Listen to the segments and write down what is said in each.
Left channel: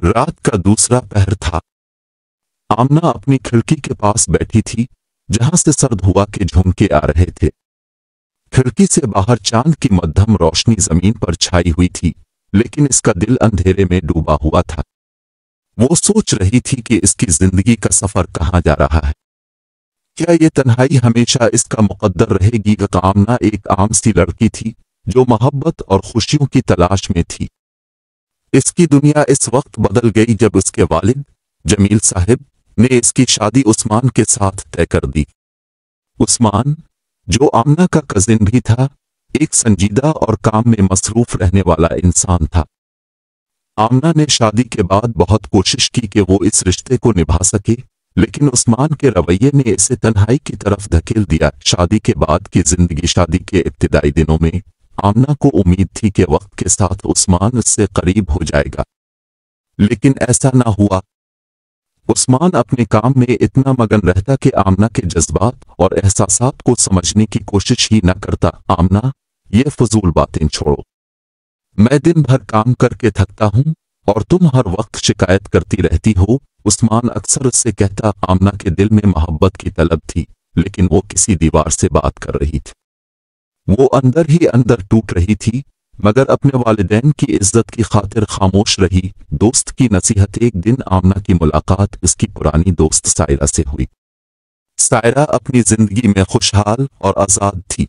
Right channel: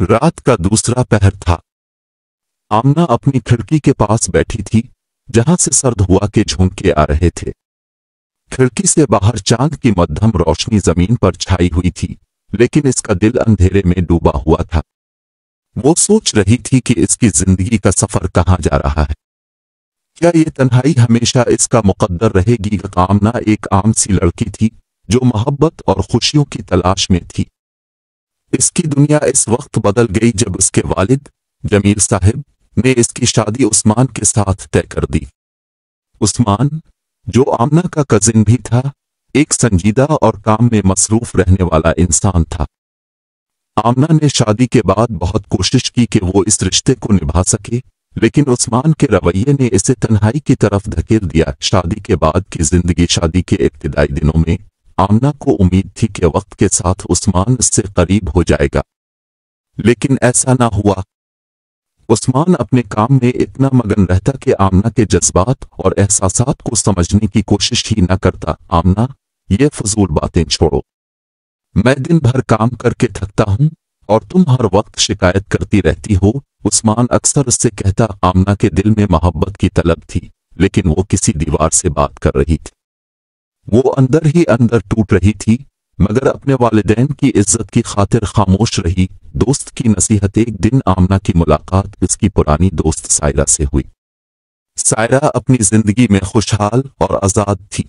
رات کا دوسرا پہر تھا۔ آمنہ اپنی کھڑکی کے پاس بیٹھی تھی جہاں سے سرد ہوا کے جھونکے آ رہے تھے۔ کھڑکی سے باہر چاند کی مدھم روشنی زمین پر چھائی ہوئی تھی، لیکن اس کا دل اندھیرے میں ڈوبا ہوا تھا۔ وہ سوچ رہی تھی کہ اس کی زندگی کا سفر کہاں جا رہا ہے۔ کیا یہ تنہائی ہمیشہ اس کا مقدر رہے گی؟ آمنہ ایک عام سی لڑکی تھی جو محبت اور خوشیوں کی تلاش میں تھی۔ اس کی دنیا اس وقت بدل گئی جب اس کے والد جمیل صاحب نے اس کی شادی عثمان کے ساتھ طے کر دی۔ عثمان، جو آمنہ کا کزن بھی تھا، ایک سنجیدہ اور کام میں مصروف رہنے والا انسان تھا۔ آمنہ نے شادی کے بعد بہت کوشش کی کہ وہ اس رشتے کو نبھا سکے، لیکن عثمان کے رویے نے اسے تنہائی کی طرف دھکیل دیا۔ شادی کے بعد کی زندگی۔ شادی کے ابتدائی دنوں میں آمنہ کو امید تھی کہ وقت کے ساتھ عثمان اس سے قریب ہو جائے گا، لیکن ایسا نہ ہوا۔ عثمان اپنے کام میں اتنا مگن رہتا کہ آمنہ کے جذبات اور احساسات کو سمجھنے کی کوشش ہی نہ کرتا۔ آمنہ، یہ فضول باتیں چھوڑو، میں دن بھر کام کر کے تھکتا ہوں اور تم ہر وقت شکایت کرتی رہتی ہو، عثمان اکثر اس سے کہتا۔ آمنہ کے دل میں محبت کی طلب تھی، لیکن وہ کسی دیوار سے بات کر رہی تھی۔ وہ اندر ہی اندر ٹوٹ رہی تھی، مگر اپنے والدین کی عزت کی خاطر خاموش رہی۔ دوست کی نصیحت۔ ایک دن آمنہ کی ملاقات اس کی پرانی دوست سائرہ سے ہوئی۔ سائرہ اپنی زندگی میں خوشحال اور آزاد تھی۔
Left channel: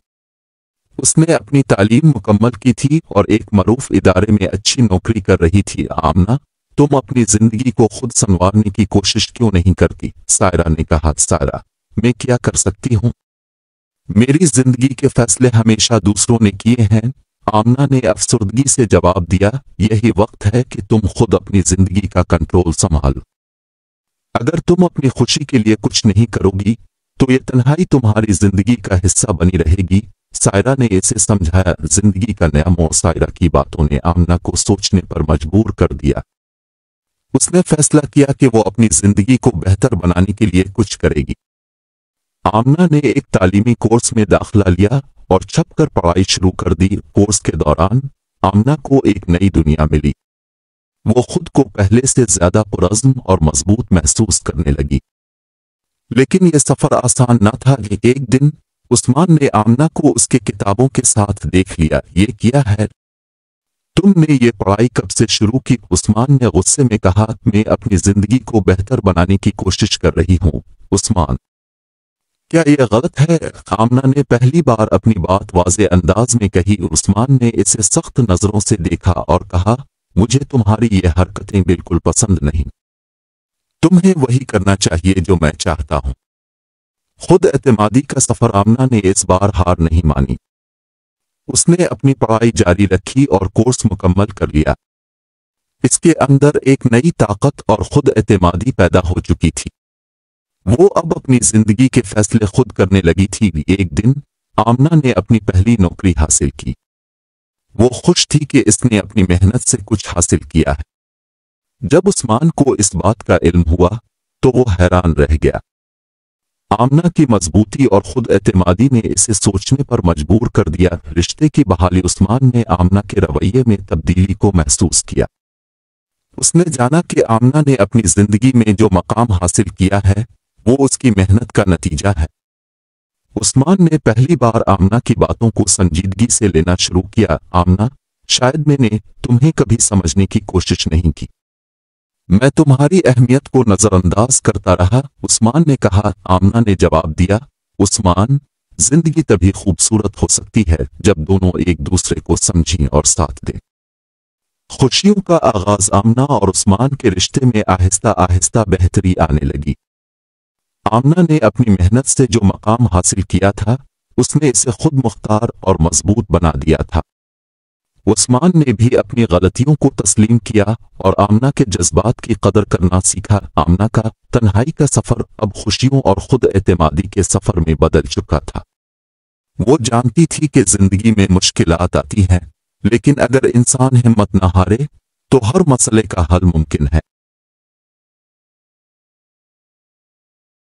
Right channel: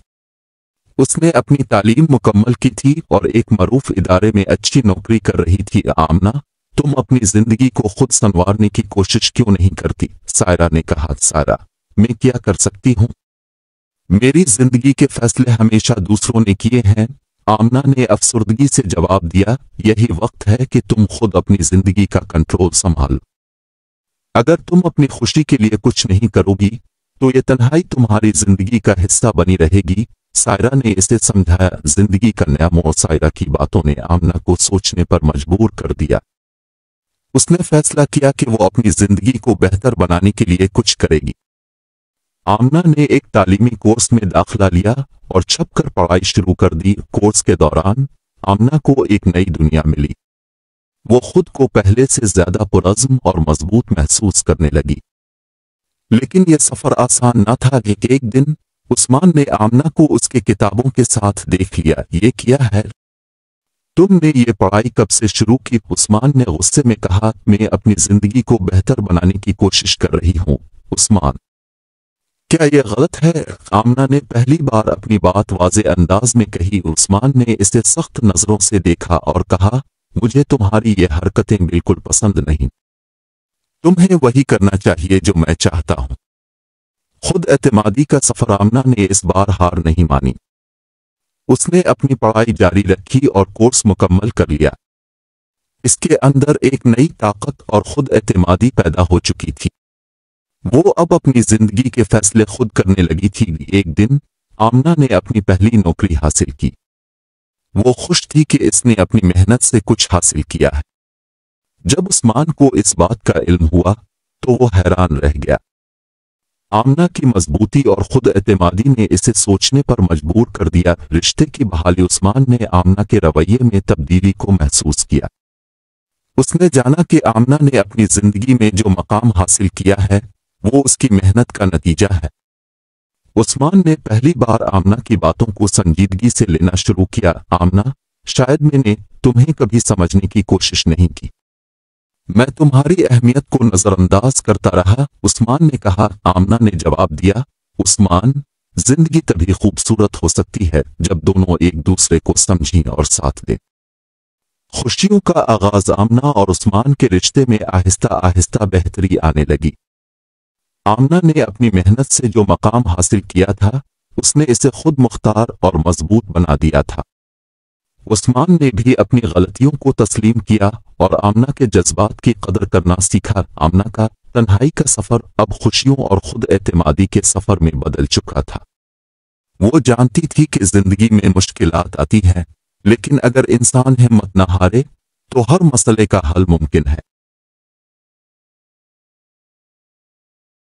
اس نے اپنی تعلیم مکمل کی تھی اور ایک معروف ادارے میں اچھی نوکری کر رہی تھی۔ آمنہ، تم اپنی زندگی کو خود سنوارنے کی کوشش کیوں نہیں کرتی؟ سائرہ نے کہا۔ سائرہ، میں کیا کر سکتی ہوں؟ میری زندگی کے فیصلے ہمیشہ دوسروں نے کیے ہیں۔ آمنہ نے افسردگی سے جواب دیا۔ یہی وقت ہے کہ تم خود اپنی زندگی کا کنٹرول سنبھالو۔ اگر تم اپنی خوشی کے لیے کچھ نہیں کرو گی تو یہ تنہائی تمہاری زندگی کا حصہ بنی رہے گی۔ سائرہ نے اسے سمجھایا۔ زندگی کا نیا موڑ۔ سائرہ کی باتوں نے آمنہ کو سوچنے پر مجبور کر دیا۔ اس نے فیصلہ کیا کہ وہ اپنی زندگی کو بہتر بنانے کے لیے کچھ کرے گی۔ آمنہ نے ایک تعلیمی کورس میں داخلہ لیا اور چھپ کر پڑھائی شروع کر دی۔ کورس کے دوران آمنہ کو ایک نئی دنیا ملی۔ وہ خود کو پہلے سے زیادہ پرعزم اور مضبوط محسوس کرنے لگی۔ لیکن یہ سفر آسان نہ تھا۔ ایک دن عثمان نے آمنہ کو اس کے کتابوں کے ساتھ دیکھ لیا۔ یہ کیا ہے؟ تم نے یہ پڑھائی کب سے شروع کی؟ عثمان نے غصے میں کہا۔ میں اپنی زندگی کو بہتر بنانے کی کوشش کر رہی ہوں۔ عثمان، کیا یہ غلط ہے؟ آمنہ نے پہلی بار اپنی بات واضح انداز میں کہی۔ عثمان نے اسے سخت نظروں سے دیکھا اور کہا، مجھے تمہاری یہ حرکتیں بالکل پسند نہیں۔ تمہیں وہی کرنا چاہیے جو میں چاہتا ہوں۔ خود اعتمادی کا سفر۔ آمنہ نے اس بار ہار نہیں مانی۔ اس نے اپنی پڑھائی جاری رکھی اور کورس مکمل کر لیا۔ اس کے اندر ایک نئی طاقت اور خود اعتمادی پیدا ہو چکی تھی۔ وہ اب اپنی زندگی کے فیصلے خود کرنے لگی تھی۔ ایک دن آمنہ نے اپنی پہلی نوکری حاصل کی۔ وہ خوش تھی کہ اس نے اپنی محنت سے کچھ حاصل کیا ہے۔ جب عثمان کو اس بات کا علم ہوا تو وہ حیران رہ گیا۔ آمنہ کی مضبوطی اور خود اعتمادی نے اسے سوچنے پر مجبور کر دیا۔ رشتے کی بحالی۔ عثمان نے آمنہ کے رویے میں تبدیلی کو محسوس کیا۔ اس نے جانا کہ آمنہ نے اپنی زندگی میں جو مقام حاصل کیا ہے وہ اس کی محنت کا نتیجہ ہے۔ عثمان نے پہلی بار آمنہ کی باتوں کو سنجیدگی سے لینا شروع کیا۔ آمنہ، شاید میں نے تمہیں کبھی سمجھنے کی کوشش نہیں کی۔ میں تمہاری اہمیت کو نظر انداز کرتا رہا، عثمان نے کہا۔ آمنہ نے جواب دیا، عثمان، زندگی تبھی خوبصورت ہو سکتی ہے جب دونوں ایک دوسرے کو سمجھیں اور ساتھ دیں۔ خوشیوں کا آغاز۔ آمنہ اور عثمان کے رشتے میں آہستہ آہستہ بہتری آنے لگی۔ آمنہ نے اپنی محنت سے جو مقام حاصل کیا تھا اس نے اسے خود مختار اور مضبوط بنا دیا تھا۔ عثمان نے بھی اپنی غلطیوں کو تسلیم کیا اور آمنہ کے جذبات کی قدر کرنا سیکھا۔ آمنہ کا تنہائی کا سفر اب خوشیوں اور خود اعتمادی کے سفر میں بدل چکا تھا۔ وہ جانتی تھی کہ زندگی میں مشکلات آتی ہیں، لیکن اگر انسان ہمت نہ ہارے تو ہر مسئلے کا حل ممکن ہے۔